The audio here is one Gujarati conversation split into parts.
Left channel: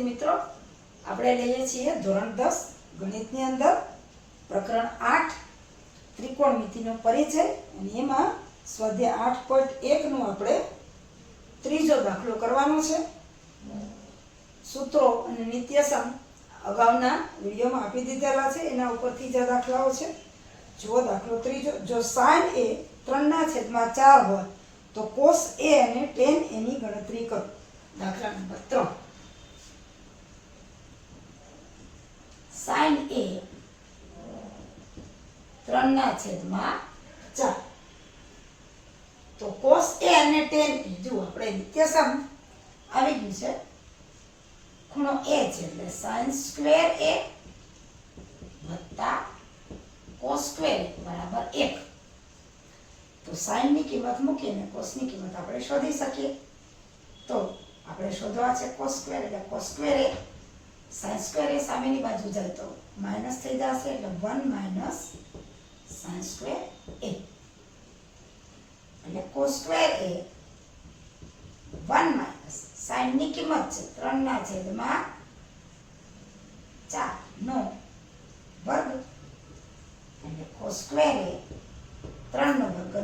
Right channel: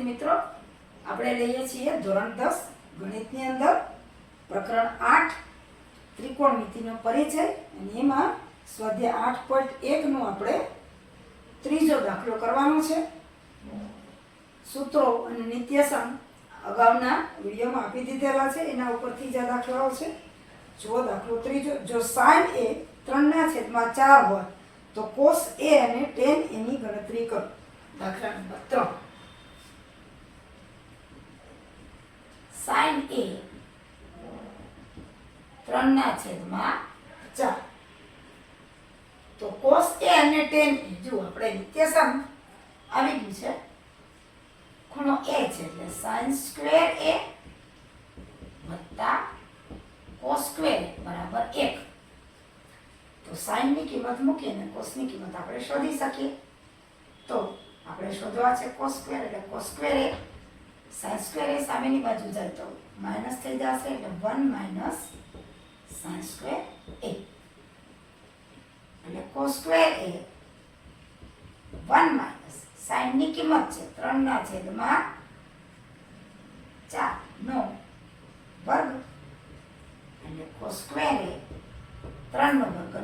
મિત્રો આપણે લઈએ છીએ ધોરણ 10 ગણિતની અંદર પ્રકરણ 8 ત્રિકોણમિતિનો પરિચય અને એમાં સ્વાધ્યાય 8.1 નું આપણે ત્રીજો દાખલો કરવાનો છે. સૂત્રો અને નિત્યસમ અગાઉના વિડીયોમાં આપી દીધેલા છે, એના ઉપરથી જ દાખલાઓ છે. જો દાખલો ત્રીજો, જો sin a 3/4 હોય તો cos a અને tan a ની ગણતરી કરો. દાખલા નંબર 3. sin a 3/4 તો cos a અને tan a જો આપણે નિત્યસમ આવી ગયું છે, ખૂણો a છે એટલે sin square a વત્તા cos square a બરાબર 1. તો sin ની કિંમત મૂકીને cos ની કિંમત આપણે શોધી શકીએ. તો આપણે શોધવા છે cos square એટલે cos square a, sin square a સામેની બાજુ જાય તો માઈનસ થઈ જશે એટલે 1 - sin square a એટલે cos square a 1 - sin ની કિંમત છે 3/4 નો વર્ગ એટલે cos square a 3 નો વર્ગ 9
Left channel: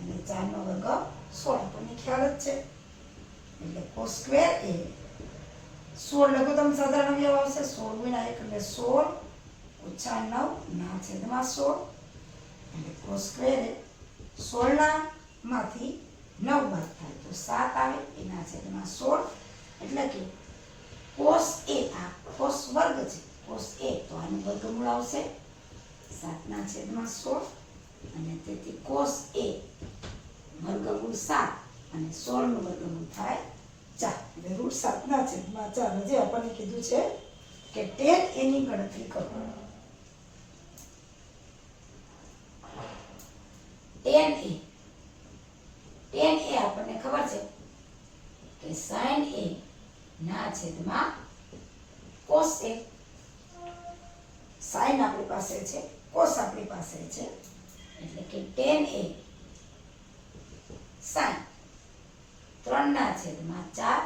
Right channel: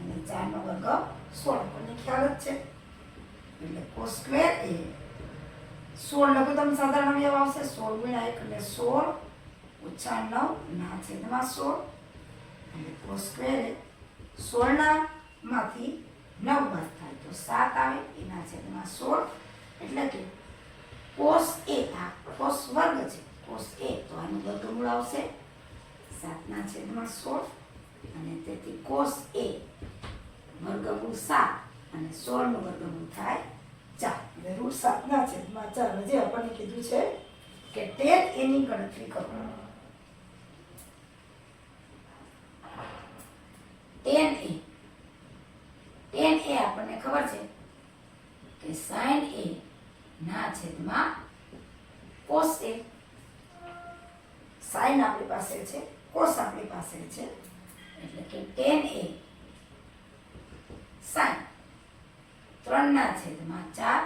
અને 4 નો વર્ગ 16 આપણને ખ્યાલ જ છે. એટલે cos square a 16 લઘુત્તમ સાધારણ અવયવ આવશે. 16 ગુણ્યા 1 એટલે 16 ઓછા 9 ના છેદમાં 16 એટલે cos square a 16 માંથી 9 બાદ થાય તો 7 આવે એના છેદમાં 16 એટલે કે cos a આ cos વર્ગ છે, cos a તો આનું વર્ગમૂળ આવશે 7 ના છેદમાં 16 અને તેથી cos a વર્ગમૂળ 7 અને 16 નું વર્ગમૂળ થાય 4 એટલે √7 ના છેદમાં 4. જે આપણને કીધું છે કે tan a ની ગણતરી કરો. tan a આપણને ખબર છે કે sin a ના છેદમાં cos a. sin આપણી પાસે છે, cos આપણી પાસે છે એટલે કે tan a sin 3/4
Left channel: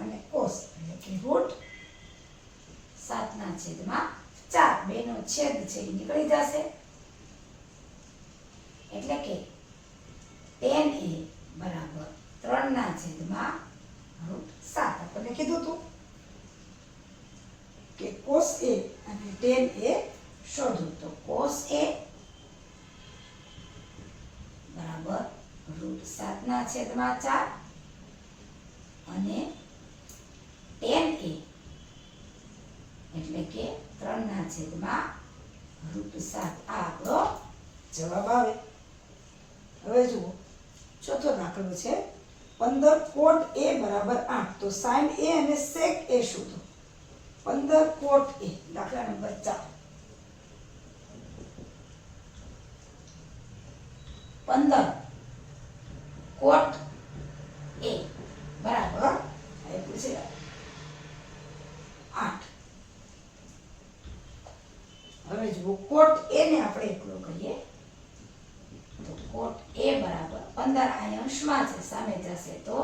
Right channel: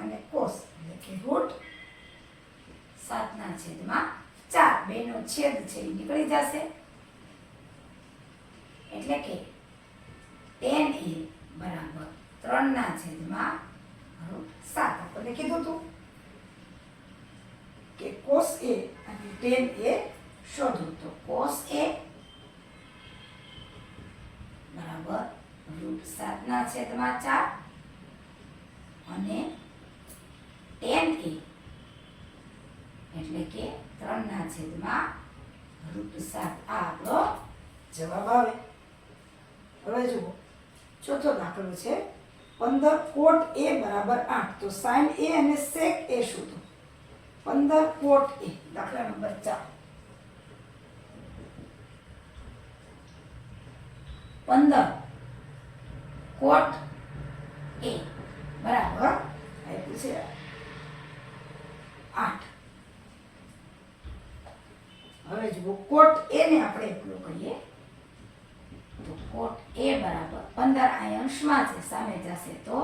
અને cos એટલે કે √7/4 બેનો છેદ છે એ નીકળી જશે એટલે કે tan a બરાબર 3/7 આપણને કીધું હતું કે cos a અને tan a શોધો. તો cos a બરાબર √7/4 અને tan a એટલે કે 3/7 આ આપણો જવાબ આવે. હવે જુઓ ચોથો દાખલો છે 15 cot a બરાબર 8 તો sin a અને sec a શોધો. 15 cot a દાખલા નંબર 4. 15 cot a બરાબર આપ્યું છે 8. હવે જુઓ cot a ને આપણે એકલો કરીએ તો cot a બરાબર 15 આ અંશમાં છે સામે જશે તો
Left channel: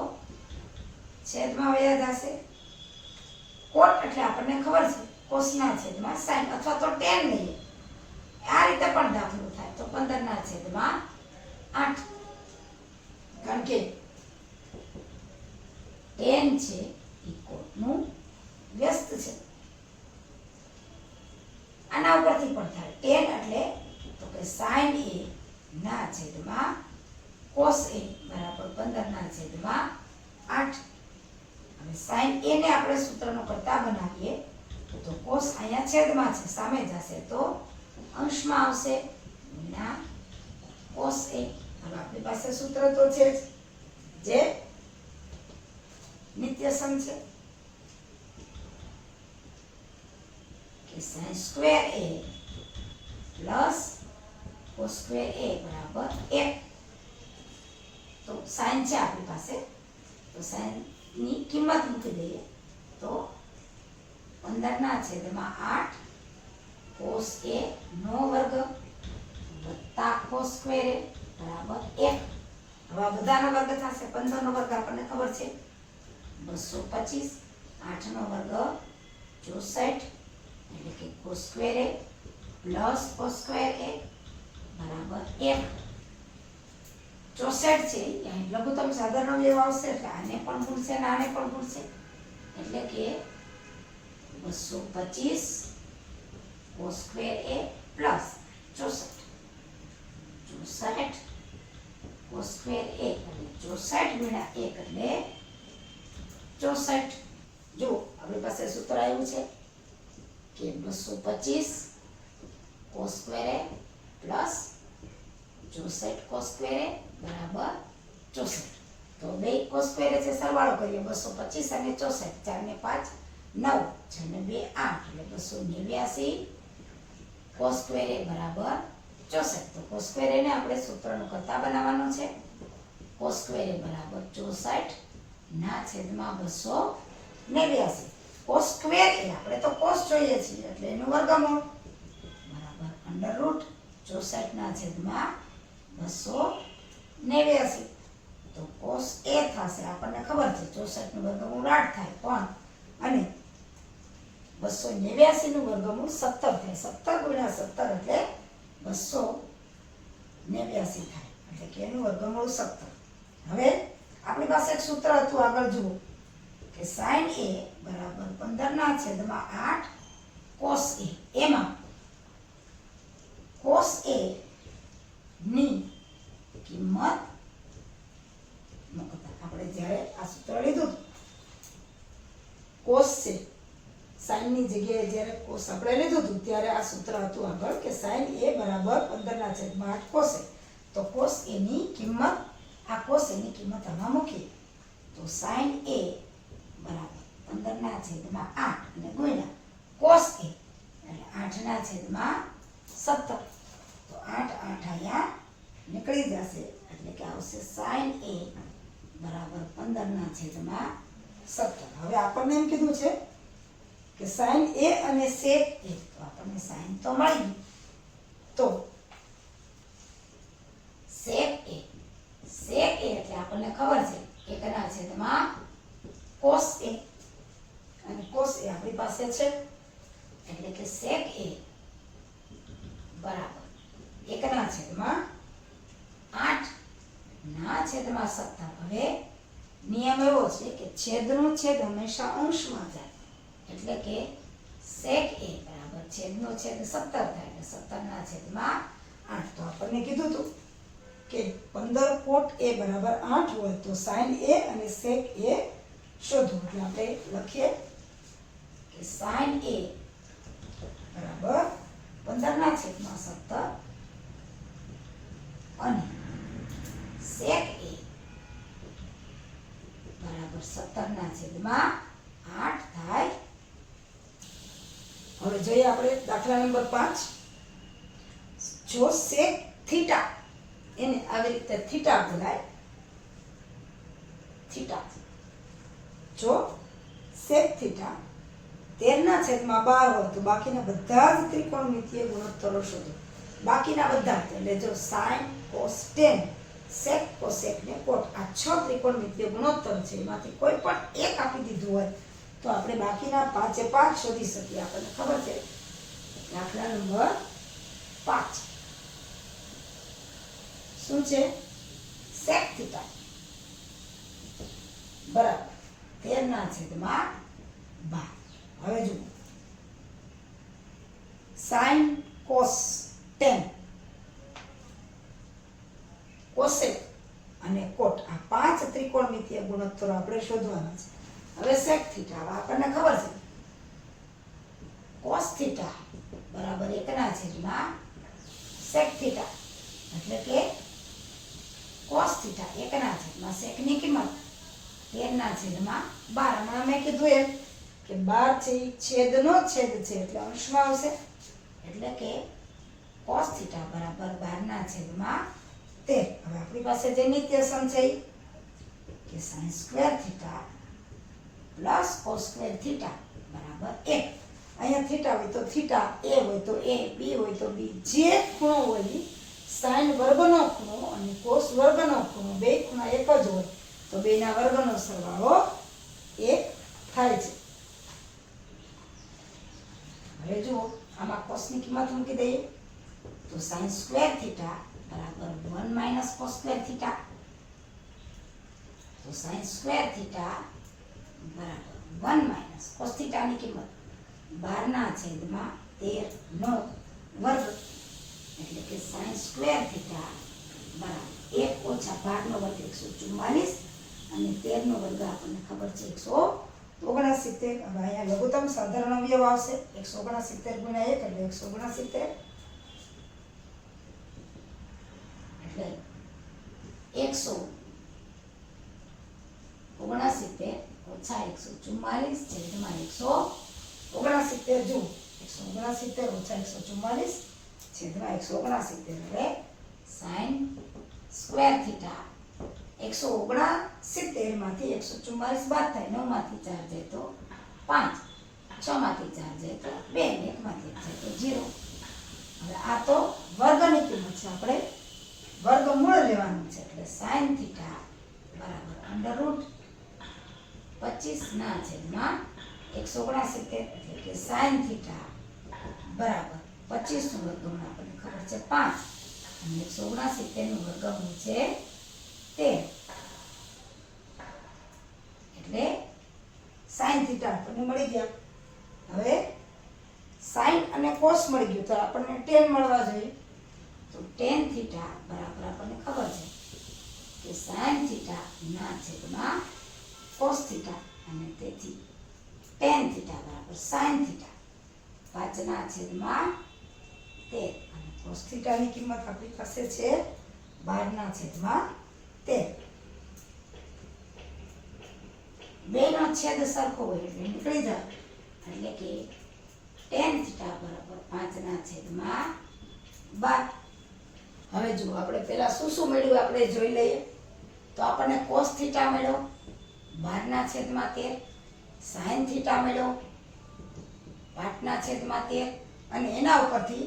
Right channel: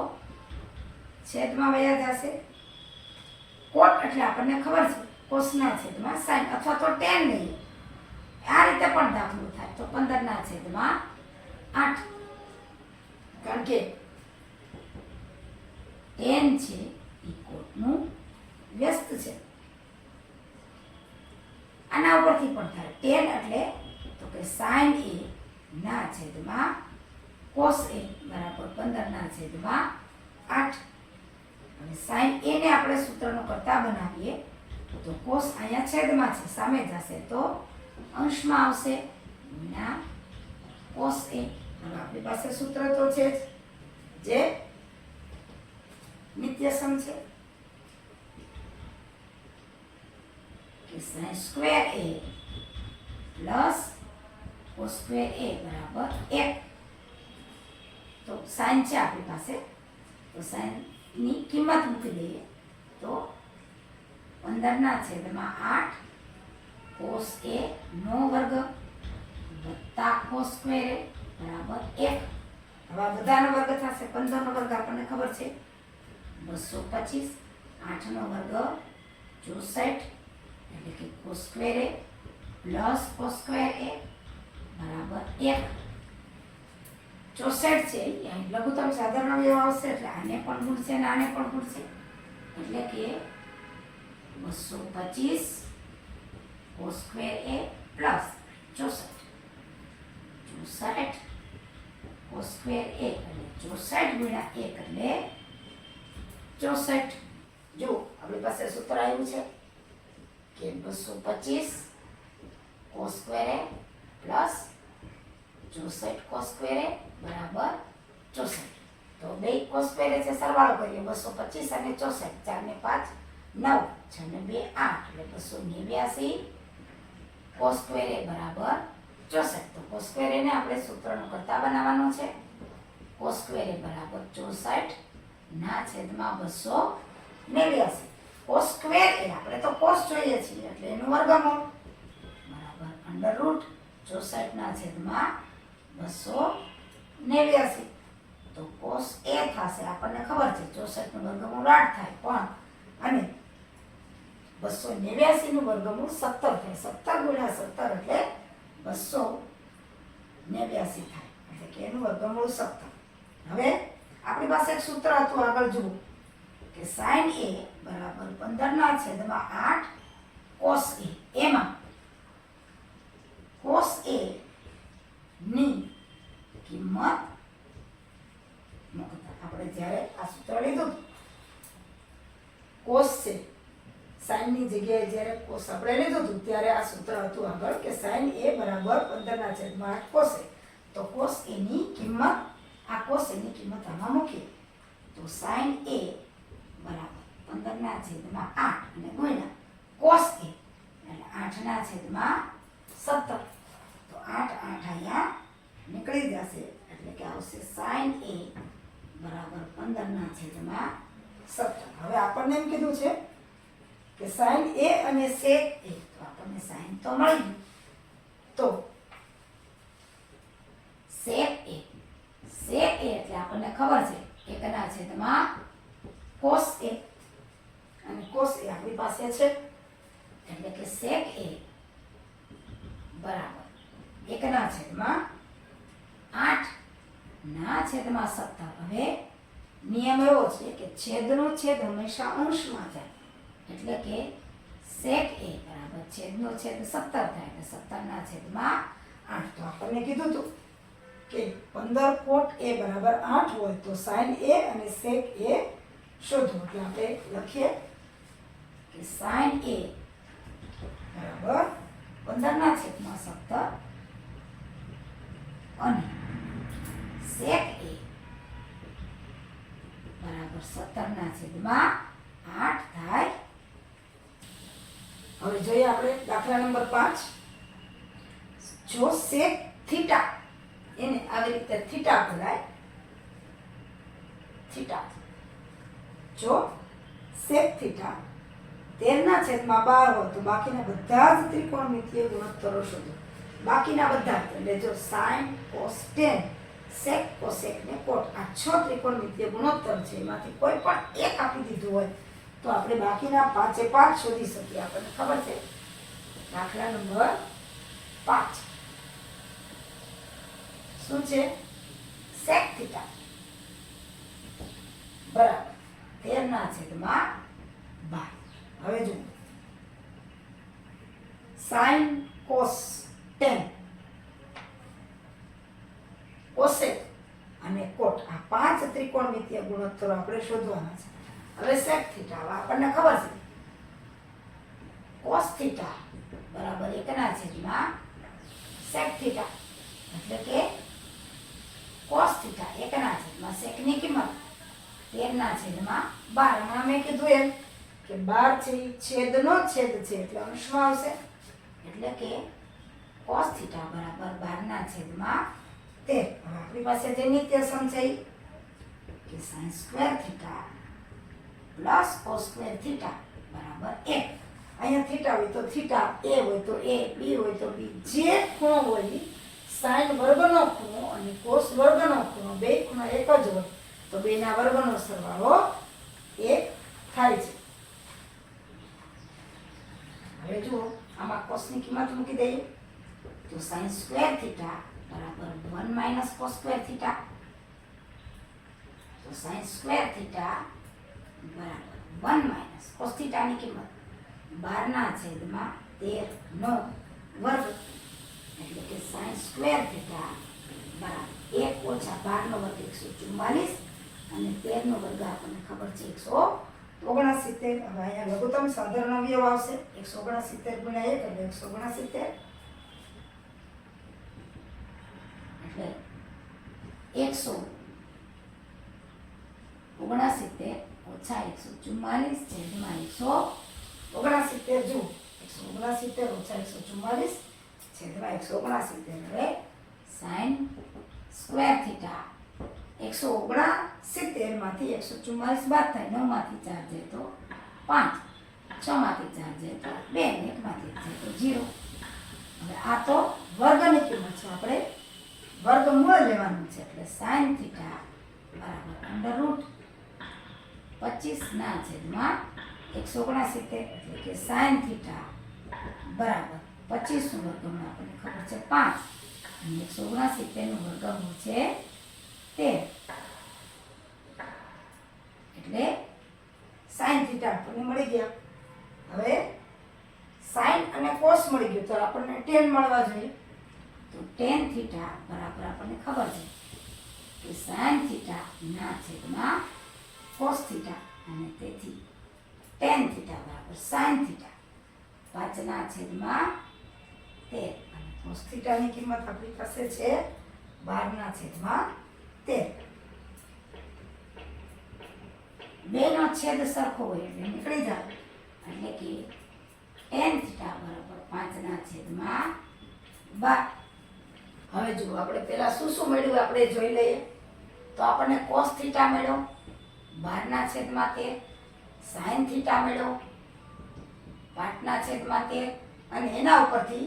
છેદમાં વયા જશે. cot એટલે આપણને ખબર છે cos ના છેદમાં sin અથવા તો tan લઈએ, આ રીતે પણ દાખલો થાય તો 15/8 કારણ કે tan છે એ cot નું વ્યસ્ત છે. આના ઉપરથી પણ થાય tan એટલે તો કે sin a ના છેદમાં cos a બરાબર 15/8 અને sin a ને આપણે સૂત્રનો કરતા બનાવીએ તો cos અહીંયા છેદમાં છે સામે જશે તો અંશમાં આવશે ગુણ્યા cos a. હવે આપણી પાસે સૂત્ર તો છે જે નિત્યસમ છે કે sin square a plus cos square a બરાબર 1. તો sin છે આપણી પાસે તો sin ની કિંમત મૂકી દઈએ તો 15/8 cos a નો વર્ગ વત્તા cos square a બરાબર 1. હવે બધાનો વર્ગ થશે 15 નો વર્ગ આપણને ખબર છે 225 8નો વર્ગ 64 એટલે કે cos square a plus cos square a બરાબર 1. 64 છે અહીં લઘુત્તમ સાધારણ અવયવ આવશે એટલે આને પણ ગુણશે અને આને પણ ગુણશે એટલે કે 225 cos square a plus 64 cos square a એટલે 64 ગુણ્યા 1 એટલે 64. જો આપણી પાસે સૂત્ર આવ્યું છે કે 225 cos square a plus 64 cos square a બરાબર 64. તો બે cos સ્ક્વેર a છે સરવાળો કરીએ 225 અને 64 4 ને 5 9 6 ને 2 8 એટલે 289 cos સ્ક્વેર a બરાબર 64. તો cos સ્ક્વેર a ને આપણે સૂત્રનું કરતા બનાવવાનું છે. cos સ્ક્વેર a બરાબર 64 ના છેદમાં 289. cos સ્ક્વેર a આપણે તો cos જોઈએ છીએ એટલે એનું વર્ગમૂળ બરાબર અંડર રૂટ 64 ના છેદમાં 289. તો cos a થશે આપણને ખબર છે 64 નું વર્ગમૂળ 8 થાય પણ અને 289 નું વર્ગમૂળ 17 થાય. 17 ગુણ્યા 17 એટલે 289 થાય એટલે કે એનું વર્ગમૂળ 17. હવે આપણી પાસે એક સૂત્ર હતું આગળ જુઓ કે sin a બરાબર 15 ના છેદમાં 8 cos a. એમાં cos a ની કિંમત મૂકતા આપણે જ્યારે આ સૂત્ર લીધું cos છે sin ની જગ્યાએ જ્યારે cos આપણે લીધું હતું ત્યારે આ સૂત્ર હતું આગળ કે sin a બરાબર 15 ના છેદમાં 8 cos a. તો cos a ની કિંમત આ cos a ની કિંમત આમાં મૂકીએ તો sin a બરાબર 15 ના છેદમાં 8 અને ગુણ્યા cos a એટલે 8 ના છેદમાં 17. તો 8 અહીંયા નીકળી જશે એટલે કે આવશે sin a બરાબર 15 ના છેદમાં 17. હવે આપણને એમ કીધું છે કે sin a અને sec a તો આપણને sin તો મળી ગયું. તો sec a એટલે આપણને ખબર છે 1 ના છેદમાં cos a અને cos a આપણી પાસે છે એટલે કે sec a બરાબર 1 ના છેદમાં 8 ના છેદમાં 17. હવે નિયમ એવો છે કે છેદનો છેદ હંમેશા અંશમાં જાય એટલે કે sec a બરાબર છેદનો છેદ 17 થાય એટલે 17 ના છેદમાં 8. તો આપણને કીધું હતું કે 15 cot a બરાબર 8 હોય તો sin a અને sec a શોધો. એટલે આપણે લખીએ કે sin a બરાબર 15 ના છેદમાં 17 અને sec a બરાબર 17 ના છેદમાં 8 થાય. હવે જોઈએ આપણે દાખલા નંબર 5. જો sec થીટા એને આવી રીતે થીટા બોલાય થીટા. જો sec થીટા 13 ના છેદમાં 12 હોય તો બાકીના બધા જ ત્રિકોણમિતિય ગુણોત્તરો શોધો. બાકીના બધા એટલે જો sin cos tan sec cosec ને cot આ 6 ત્રિકોણમિતિય ગુણોત્તર છે એમાંથી કોઈ પણ એક આપી દીધું હોય તો આપણે બાકીના 5 એ 5 શોધી શકીએ. આપણને ખબર છે દાખલા નંબર 5 શું છે sec થીટા બરાબર 13 ના છેદમાં 12. હવે જુઓ sin cos tan cosec અને cot આ 5 ત્રિકોણમિતિય ગુણોત્તરો આપણે શોધવાના છે. હવે sec થીટા આપણને ખબર છે cos થીટા બરાબર 1 ના છેદમાં sec થીટા એટલે કે cos થીટા 1 ના છેદમાં sec ની કિંમત 13 ના છેદમાં 12. હમણાં મેં કીધું એમ કે 12 છે એ છેદનો છેદ છે એટલે અંશમાં આવશે એટલે કે cos થીટા બરાબર 12 ના છેદમાં 13. હવે આપણી પાસે જે નિત્યસમ છે કે sin square theta plus cos square theta બરાબર 1. અહીંયા થીટા હોય તો થીટા, a હોય તો a, b હોય તો b, જે ખૂણો હોય sin વર્ગનો ખૂણો અને cos વર્ગનો ખૂણો બે ખૂણા એક જ હોય તો બેના વર્ગનો સરવાળો 1 થાય છે. સાઇન સ્ક્વેર થીટા બરાબર 1 માઇનસ કોસ સ્ક્વેર થીટા. તો સાઇન સ્ક્વેર થીટા બરાબર 1 માઇનસ કોસ થીટાની કિંમત 12/13 નો વર્ગ એટલે કે સાઇન સ્ક્વેર થીટા બરાબર 1 ઓછા 12 નો વર્ગ 144 અને 13 નો વર્ગ આપણને ખબર છે 169. હવે અહીંયા લઘુત્તમ સાધારણ અવયવ આવશે 169 ગુણ્યા 1 એટલે 169 એટલે 169 ઓછા 144 છેદમાં 169 જુઓ 169 ઓછા 144 છેદમાં 169 એટલે સાઇન સ્ક્વેર થીટા 169 માંથી 144 બાદ થાય 9 માંથી 4 જાય તો 5 6 માંથી 4 જાય તો 2 1 માંથી 1 જાય તો 0. હવે આ તો વર્ગની કિંમત છે, આપણે વર્ગમૂળ લેવાનું છે એટલે સાઇન થીટા બરાબર અંડર રૂટ 25 ના છેદમાં 169 એટલે કે સાઇન થીટા બરાબર 25 નું વર્ગમૂળ આપણને ખબર છે 5 અને 169 નું વર્ગમૂળ છે 13 એટલે સાઇન થીટા આપણને મળી ગયા. હવે સાઇન અને કોસ મળી ગયું તો આપણને tan મળવા જોઈએ. તો tan થીટા બરાબર આપણને ખબર છે કે સાઇન થીટા ના છેદમાં કોસ થીટા અને તેથી tan થીટા બરાબર સાઇન થીટા 5 ના છેદમાં 13 અને કોસ થીટાની કિંમત આપણી પાસે છે 12 ના છેદમાં 13. બેનો છેદ સરખો હોય એટલે નીકળી જાય એટલે કે tan થીટા બરાબર 5 ના છેદમાં 12. હવે જુઓ આપણે પહેલા શું મેળવ્યું આપણે જોઈ લઈએ. તો આપણને cos થીટા મળ્યો 12 ના છેદમાં 13, sin થીટા મળ્યો 5 ના છેદમાં 13 અને એના ઉપરથી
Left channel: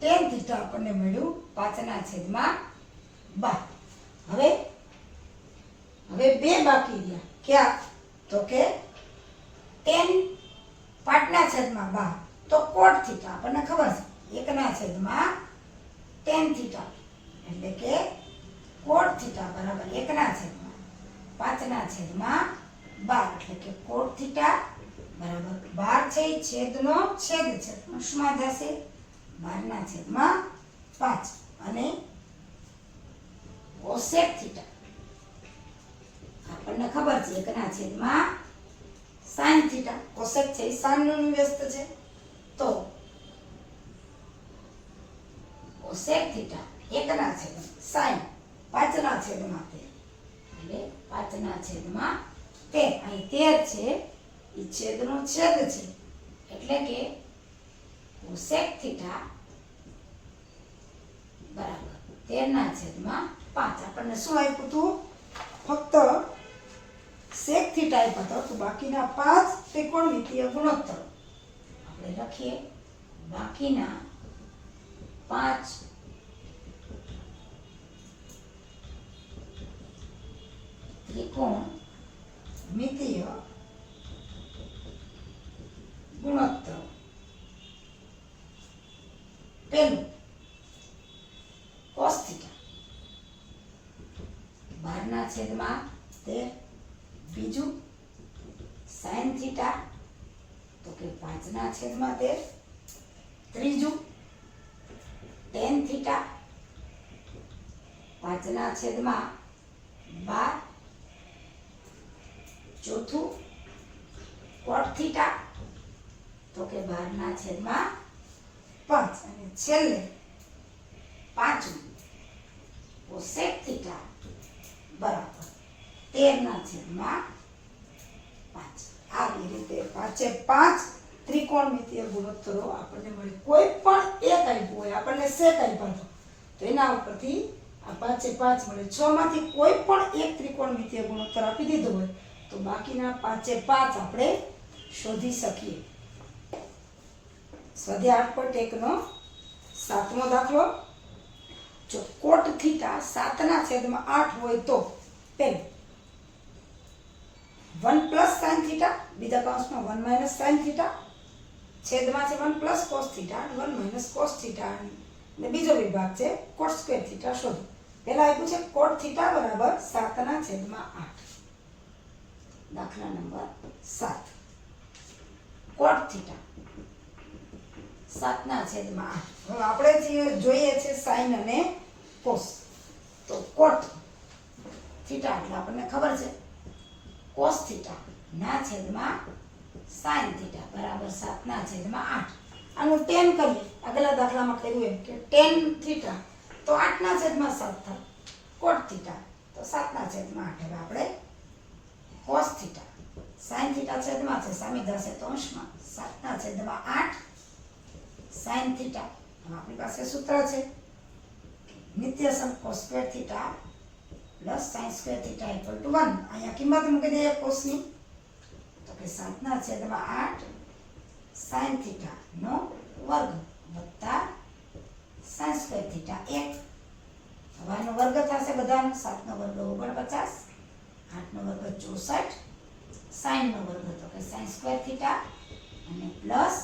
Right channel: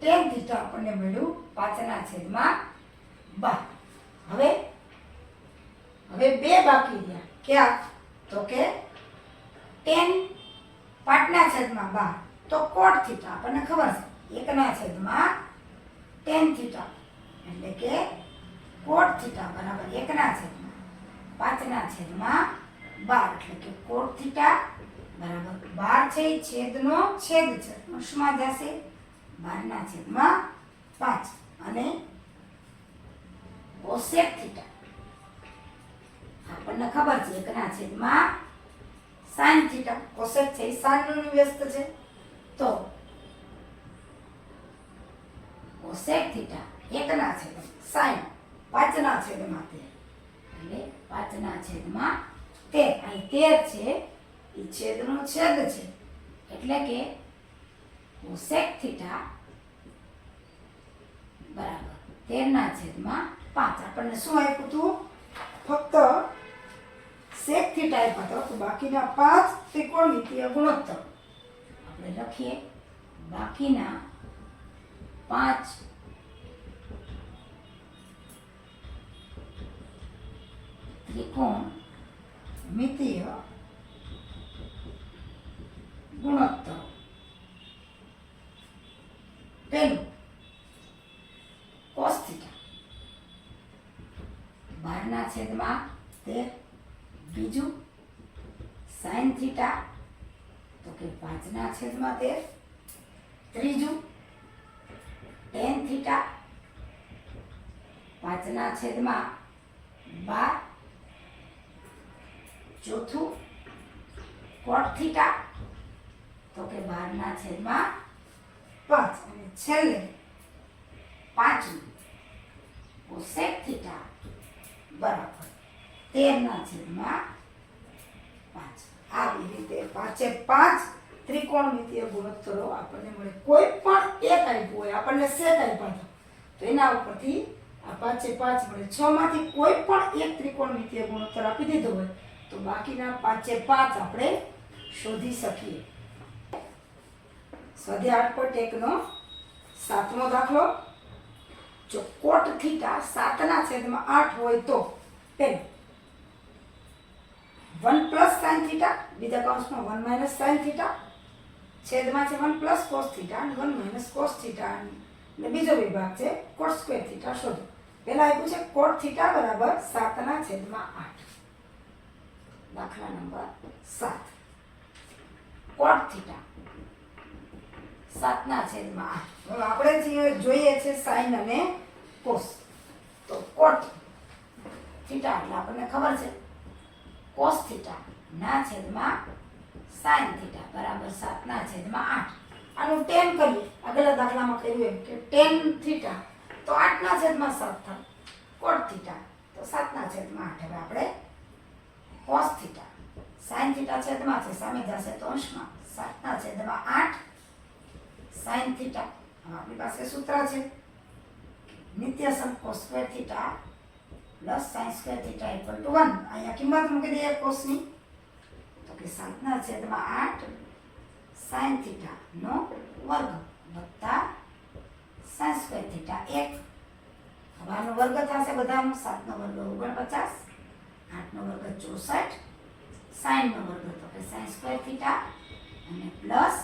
tan થીટા આપણને મળ્યું 5 ના છેદમાં 12. હવે બે બાકી રહ્યા ક્યાં તો કે tan 5 ના છેદમાં 12 તો cot થીટા આપણને ખબર છે 1 ના છેદમાં tan થીટા એટલે કે cot થીટા બરાબર 1 ના છેદમાં 5 ના છેદમાં 12 એટલે કે cot થીટા બરાબર 12 છે એ છેદનો છેદ છે અંશમાં જશે 12 ના છેદમાં 5 અને cosec થીટા આપણને ખબર છે 1 ના છેદમાં sin થીટા. cosec છે એ sin નું વ્યસ્ત છે તો cosec થીટા 1 ના છેદમાં sin 5 ના છેદમાં 13 એટલે 5 ના છેદમાં 13 અહીં 13 છે એ છેદનો છેદ છે એટલે કે cosec થીટા બરાબર 13 ના છેદમાં 5. આપણને શું આપ્યું હતું? ફક્ત sec થીટા આપ્યો હતો તો બાકીના 5 ત્રિકોણમિતીય ગુણોત્તર આપણે લખીએ. બાકીના 5 ત્રિકોણમિતીય ગુણોત્તર. પહેલું cos થીટા 12 ના છેદમાં 13. બીજું sin થીટા તો કે 5 ના છેદમાં 13. ત્રીજું tan થીટા 5 ના છેદમાં 12. ચોથું cot થીટા તો કે 12 ના છેદમાં 5 અને છેલ્લે પાંચમું cosec થીટા બરાબર 13 ના છેદમાં 5. આવી રીતે 5 ત્રિકોણમિતીય ગુણોત્તરો આપણને મળે. કોઈ પણ એક આપ્યું હોય આપણને sec આપ્યો તો એના ઉપરથી આ 5 મળે. 6 માંથી કોઈ પણ એક ત્રિકોણમિતીય ગુણોત્તર આપી દીધો હોય તો બાકીના 5 આપણે શોધી શકીએ. સ્વાધ્યાય 8.1 નો 7મો દાખલો. જો cot થીટા 7 ના છેદમાં 8 હોય તો પહેલું 1 પ્લસ sin થીટા, બીજા કૌંસમાં 1 માઇનસ sin થીટા, છેદમાં છે 1 પ્લસ cos થીટા અને 1 માઇનસ cos થીટા અને બીજો વિભાગ છે કોટ સ્ક્વેર થીટા શોધો. પહેલા આપ્યું છે કોટ થીટા બરાબર 7/8. દાખલા નંબર 7. કોટ થીટા 7/8. હવે આપણે જોઈએ છે સાઇન અને કોસ. તો કોટ થીટા એટલે આપણને ખબર છે કોસ થીટા ના છેદમાં સાઇન થીટા બરાબર 7/8. આનું tan કરીએ, આગલા દાખલામાં કર્યું એમ કે tan થીટા તો 8/7 થાય. કોટ થીટા તો 7/8. હવે આપણે કોસ થીટા સાઇન થીટા છેદમાં છે, સામે જશે તો અંશમાં. 7/8 સાઇન થીટા. હવે આપણી પાસે સૂત્ર છે નિત્યસમ cos square theta plus sine square theta equal to 1. અહીંયા કિંમત મૂકી દઈએ કોસની, તો કે 7/8 સાઇન થીટા નો વર્ગ વત્તા સાઇન સ્ક્વેર થીટા 1. હવે આનો વર્ગ થશે બધાનો. 7 નો વર્ગ 49, 8 નો વર્ગ 64, સાઇન નો વર્ગ તો કે સાઇન સ્ક્વેર થીટા અને પ્લસ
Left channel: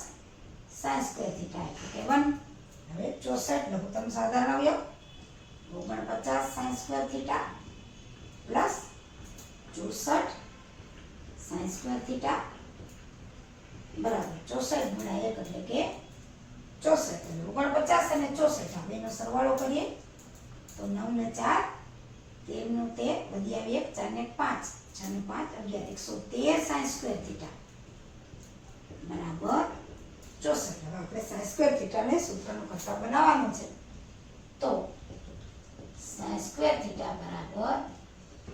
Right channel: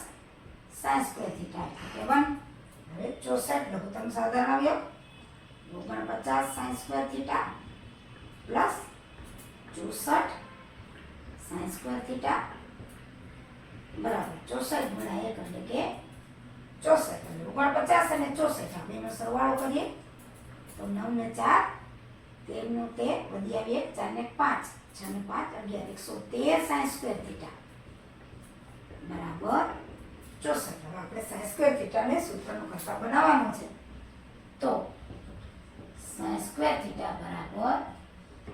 સાઇન સ્ક્વેર થીટા એટલે કે 1. હવે 64 લઘુત્તમ સાધારણ આવ્યો. 49 sign square theta plus 64 sign square theta બરાબર 64 ગુણ્યા 1 એટલે કે 64. 49 અને 64 આ બેનો સરવાળો કરીએ તો 9 ને 4 13 નું 13 વધ્યા 2 4 ને 5 6 ને 5 11 113 સાઇન સ્ક્વેર થીટા બરાબર 64. હવે આપણે સાઇન સ્ક્વેર થીટાને સૂત્રનું કરતા બનાવવાનું છે. તો સાઇન સ્ક્વેર થીટા બરાબર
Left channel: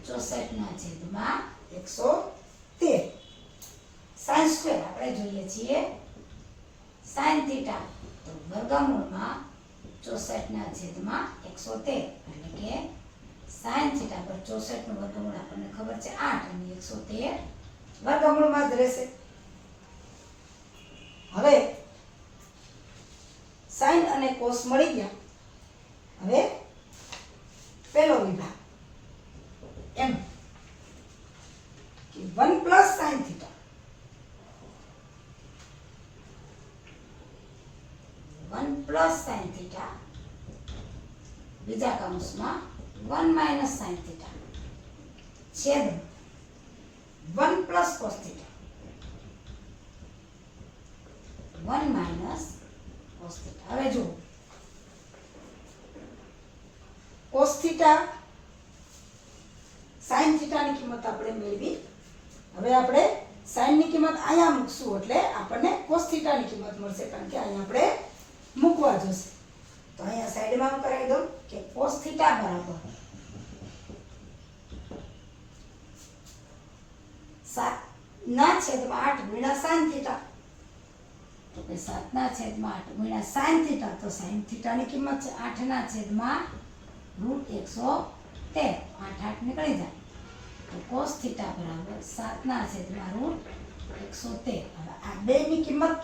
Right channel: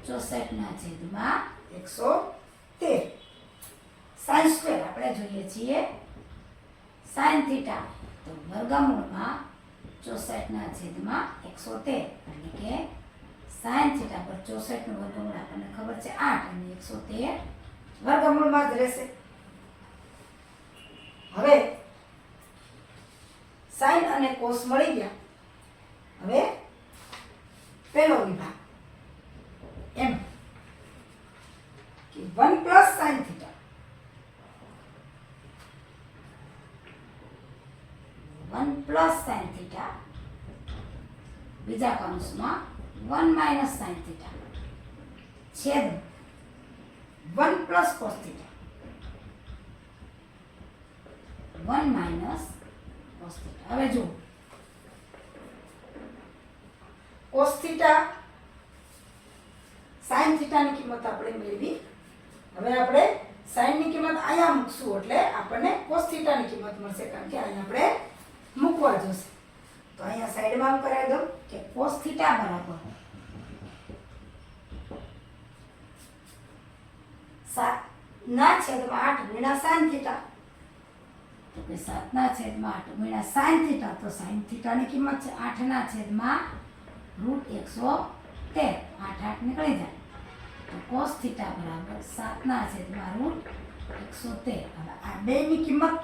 64/113. સાઇન સ્ક્વેર આપણે જોઈએ છીએ સાઇન થીટા તો વર્ગમૂળમાં 64/113 એટલે કે સાઇન થીટા પર 64 નું વર્ગમૂળ આપણને ખબર છે 8 અને 113 વર્ગમૂળમાં જ રહેશે. હવે સાઇન અને કોસ મળી ગયા. હવે પહેલો વિભાગ એમ કે 1 plus sine theta 1 plus sine theta બીજા કૌંસમાં 1 માઇનસ સાઇન થીટા છેદ 1 plus cos theta 1 minus cos theta. હવે જુઓ કોસ થીટા સાઇન થીટાની કિંમત આપણે મેળવી. હવે આપણે સાઇનની કિંમત અહીંયા મૂકશું એટલે આપણને કોસ થીટાની કિંમત મળશે, કારણ કે અહીંયા આપણે મૂકવા જોશે. તો અહીંયા સાઈડમાં કરાવી દઉં કે કોસ થીટા બરાબર 7/8 ગુણ્યા સાઇન થીટા. તો કે 7/8 ગુણ્યા સાઇન થીટા. તો સાઇન થીટાની કિંમત છે 8/√113. 8 8 નીકળી જાય તો કોસ થીટા બરાબર 7/√113. હવે આ બેની કિંમત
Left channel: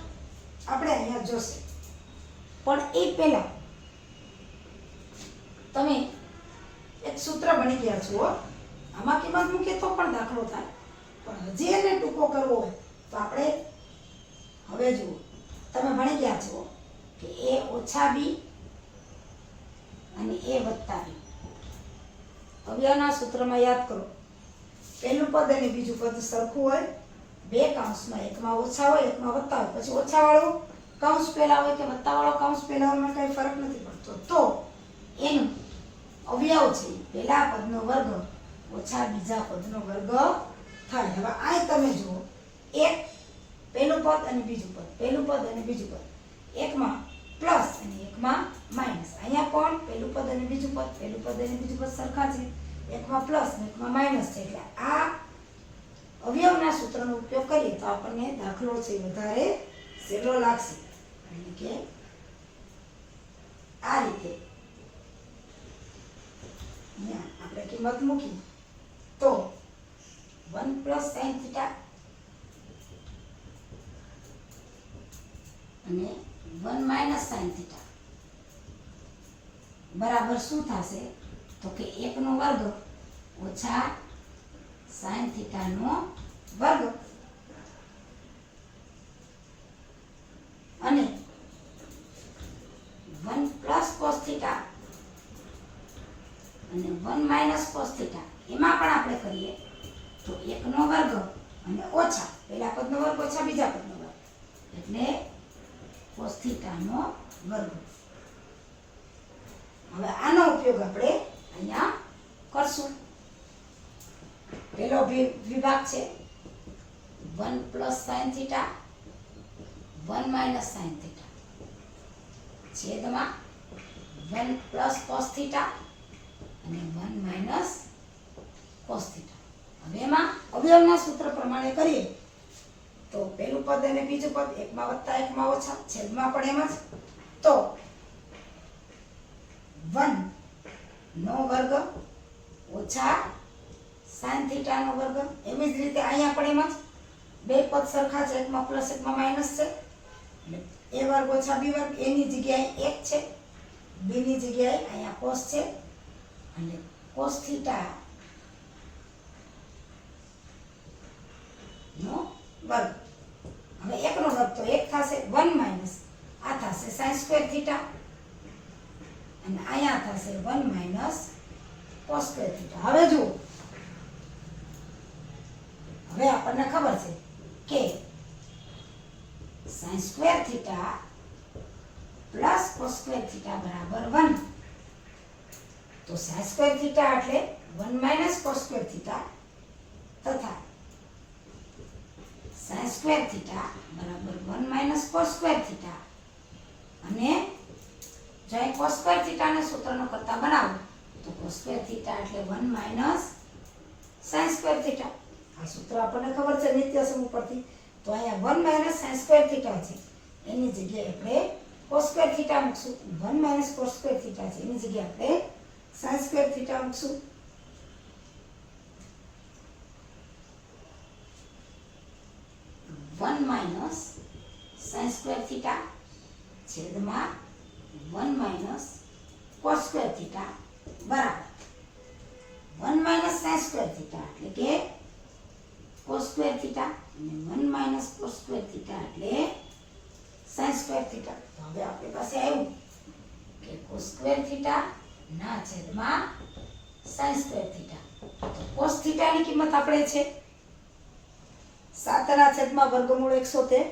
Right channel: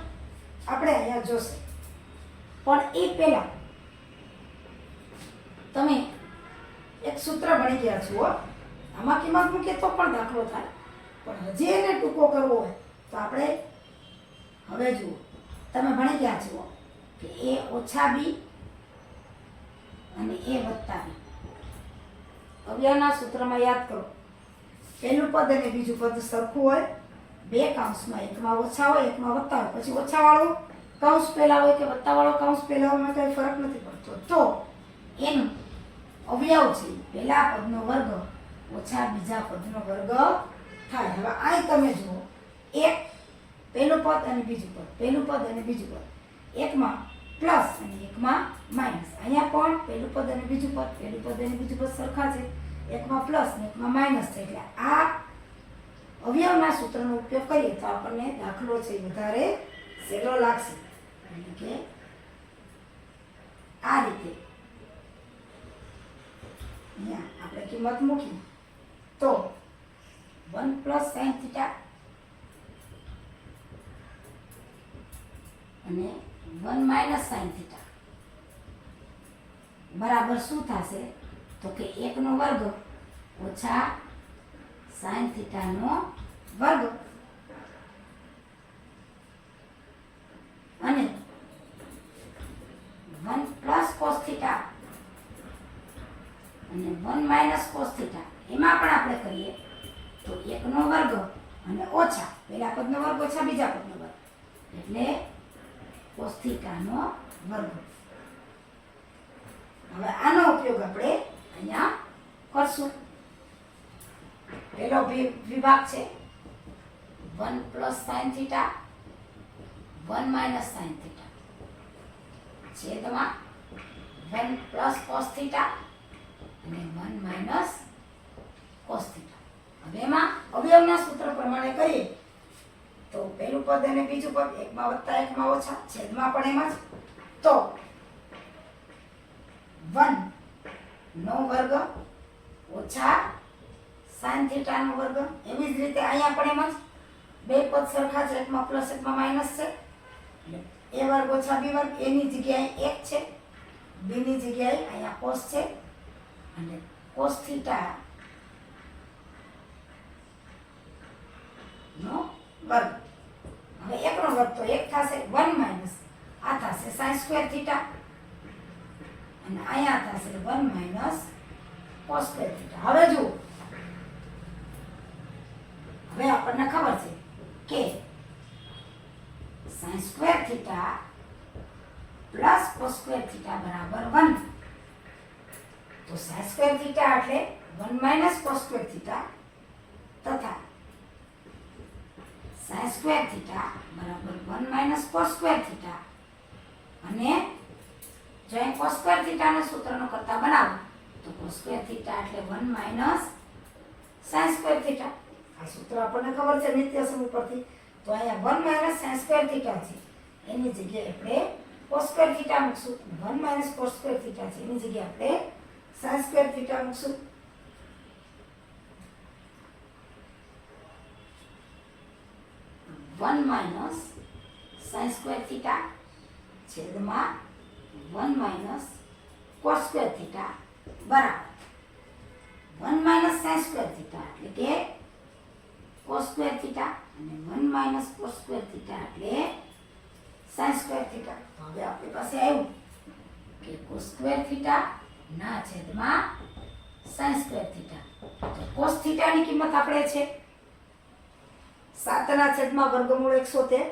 આપણે અહીંયા જોશે. પણ એ પહેલા તમે એક સૂત્ર ભણી ગયા છો. આમાં કિંમત મૂકીએ તો પણ દાખલો થાય, પણ હજી એને ટૂંકો કરવો હોય તો આપણે હવે જુઓ તમે ભણી ગયા છો કે a ઓછા b અને a વત્તા b. અવ્યવના સૂત્રમાં યાદ કરો, પહેલું પદ અને બીજું પદ સરખું હોય, બે કૌંસમાં એકમાં ઓછા હોય એકમાં વત્તા હોય, પછી ઓછા વાળો કૌંસ પહેલા હોય કે વત્તા વાળો કૌંસ પહેલા હોય કઈ ફરક નથી પડતો. તો એનું અવયવ છે પહેલા પદનો વર્ગ ઓછા બીજા પદનો વર્ગ થાય. હવે આ તમે જુઓ એક પહેલું પદ અને બીજું પદ, પહેલું પદ અને બીજું પદ, એકમાં પ્લસ અને એકમાં માઇનસ. અહીંયા પણ પહેલું પદ અને બીજું પદ, પહેલું પદ અને બીજું પદ સરખા છે, એકમાં પ્લસ અને એકમાં માઇનસ છે. એટલે આ અવયવના સૂત્રનો ઉપયોગ કરીએ તો આપણને દાખલો છે વધારે સહેલો લાગશે. એટલે કે આ રીતે અહીંયા આપણે કિંમત મૂકી તો 1 પ્લસ સાઇન થીટા અને 1 માઇનસ સાઇન થીટા બરાબર શું થશે? તો કે 1 નો વર્ગ ઓછા સાઇન થીટાનો વર્ગ અને 1 પ્લસ કોસ એકનો વર્ગ અને ઓછા પહેલા પદનો વર્ગ ઓછા બીજા પદનો વર્ગ એટલે cos થીટાનો વર્ગ. હવે આનો ઉપયોગ આપણે અહીંયા કરશું. પહેલો વિભાગ છે 1 plus sin theta 1 minus sin theta છેદમાં 1 પ્લસ cos થીટા અને 1 માઇનસ cos થીટા. હવે એમાં અવયવના સૂત્ર પ્રમાણે કરીએ તો પહેલું પદ અને બીજું પદ એકમાં વત્તા એકમાં ઓછા છેદમાં પણ એમ જ. તો 1 નો વર્ગ ઓછા sin થીટાનો વર્ગ. એવી જ રીતે અહીંયા પણ એમ જ બે પદ સરખા છે, એકમાં પ્લસ એકમાં માઇનસ છે એટલે a વર્ગ ઓછા b વર્ગ. એની જગ્યાએ 1 છે, b ની જગ્યાએ અહીંયા cos છે અને cos થીટા નો વર્ગ. હવે એકનો વર્ગ તો 1 થશે 1 માઇનસ આ થશે sin સ્ક્વેર થીટા અને અહીંયા થશે 1 માઇનસ cos સ્ક્વેર થીટા. હવે જુઓ, હવે આપણને ખબર છે કે sin square theta plus cos square theta બરાબર 1. તો sin સ્ક્વેર થીટા એટલે 1 માઇનસ cos સ્ક્વેર થીટા તથા sin સ્ક્વેર થીટા બરાબર 1 માઇનસ cos સ્ક્વેર થીટા. અને જો અહીં cos સ્ક્વેર થીટાને સૂત્રનો કરતા બનાવો તો cos સ્ક્વેર થીટા એટલે 1 માઇનસ sin સ્ક્વેર થીટા. આ સૂત્ર આપણને ખબર છે નિત્યસમ ઉપરથી. તો અહીંયા 1 માઇનસ sin સ્ક્વેર થીટા છે એની જગ્યાએ આપણે cos સ્ક્વેર થીટા મૂકશું. 1 માઇનસ cos સ્ક્વેર થીટા છે એની જગ્યાએ આપણે sin સ્ક્વેર થીટા મૂકશું. 1 માઇનસ sin સ્ક્વેર થીટા છેદમાં 1 માઇનસ cos સ્ક્વેર થીટા બરાબર 1 માઇનસ sin સ્ક્વેર થીટા એટલે કે cos સ્ક્વેર થીટા અને 1 માઇનસ cos સ્ક્વેર થીટા એટલે sin સ્ક્વેર થીટા. તો હવે આપણી પાસે આવ્યું કે cos સ્ક્વેર થીટા ના છેદમાં sin સ્ક્વેર થીટા. તો cos થીટાની કિંમત આપણે છે 7 ના છેદમાં વર્ગમૂળ 113.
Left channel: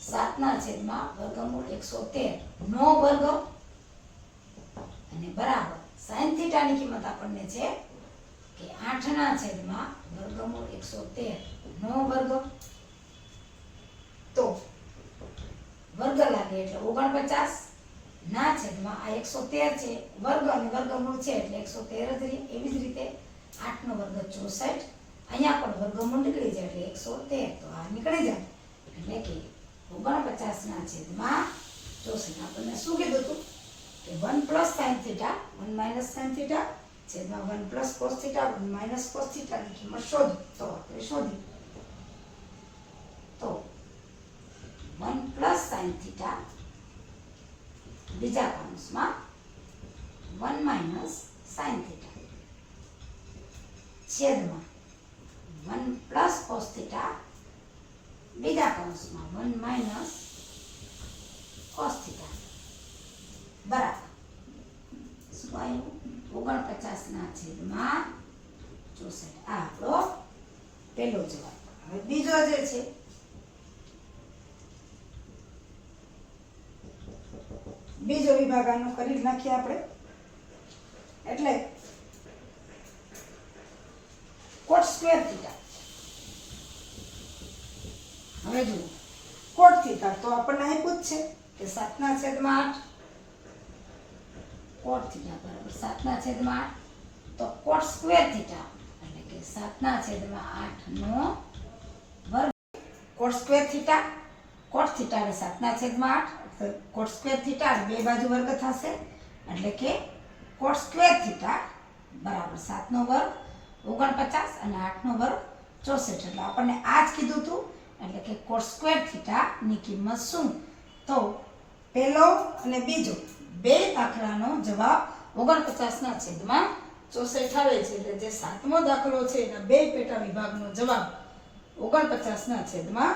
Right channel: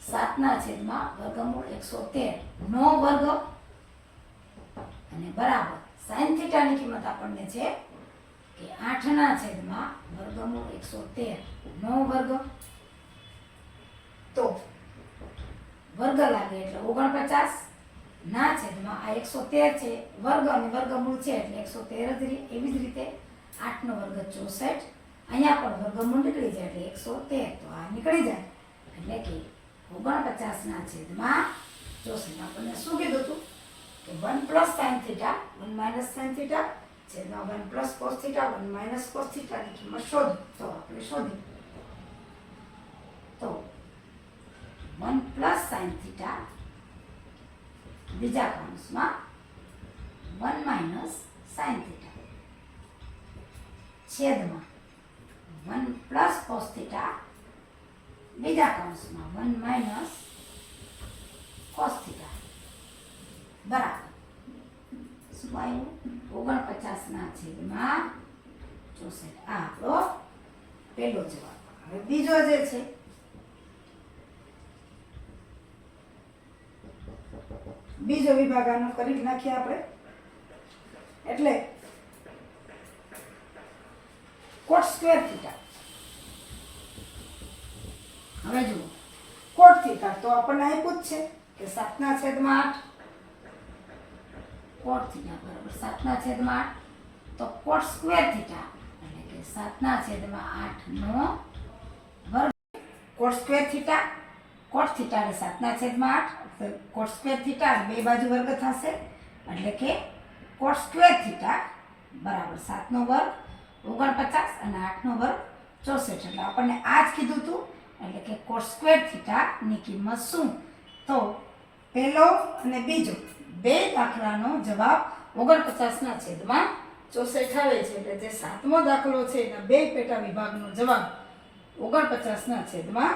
7 ના છેદમાં વર્ગમૂળ 113 નો વર્ગ અને બરાબર sin થીટાની કિંમત આપણને છે કે 8 ના છેદમાં વર્ગમૂળ 113 નો વર્ગ. તો વર્ગ લાગે એટલે 49 ના છેદમાં આ 113 છે વર્ગ અને વર્ગમૂળ છે એટલે 113 જ રહે. એવી જ રીતે 8 નો વર્ગ 64. અહીંયા પણ વર્ગમૂળ નીકળી જાય એટલે 113. તો આ નીકળી જાય એટલે કે 49 ના છેદમાં 64. આપણને શું કીધું હતું કે 1 plus sin theta 1 minus sin theta છેદમાં 1 plus cos theta 1 minus cos થીટાની કિંમત શોધી. તો આપણે શોધી તો 1 પ્લસ sin થીટા બીજા કૌંસમાં 1 માઇનસ sin થીટા છેદમાં 1 પ્લસ cos થીટા બીજા કૌંસમાં 1 માઇનસ cos થીટા બરાબર શું આવ્યું 49 ના છેદમાં 64. આ આપણો પહેલો જવાબ. હવે બીજો જે છે બીજો વિભાગ આનો કરી નાખીએ આપણે. એટલે cot સ્ક્વેર થીટા. હવે જુઓ cot થીટા તો આપણને આપ્યું જ છે કે 7 ના છેદમાં 8 cot થીટા બરાબર 7 ના છેદમાં 8. તો cot સ્ક્વેર થીટા એટલે કે 7 ના છેદમાં 8 નો વર્ગ. cot square theta cot theta એટલે 7 ના છેદમાં 8 તો cot સ્ક્વેર થીટા બે બાજુ વર્ગ થશે એટલે કે cot સ્ક્વેર થીટા બરાબર 7 નો વર્ગ 49 અને 8 નો વર્ગ 64. એટલે આપણને આ જ કીધું હતું એટલે કે cot સ્ક્વેર થીટા ની કિંમત શું. તો પહેલો અને બીજો બે દાખલાનો જવાબ 49 ના છેદમાં 64 આવે છે. એટલે જે 7મો દાખલો છે એના બે પેટા વિભાગનો જવાબ 49 ના છેદમાં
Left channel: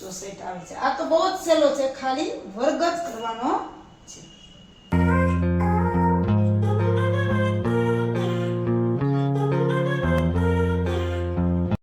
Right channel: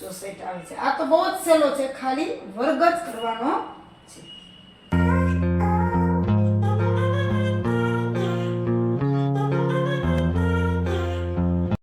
64 આવે છે. આ તો બહુ જ સહેલો છે, ખાલી વર્ગ જ કરવાનો છે.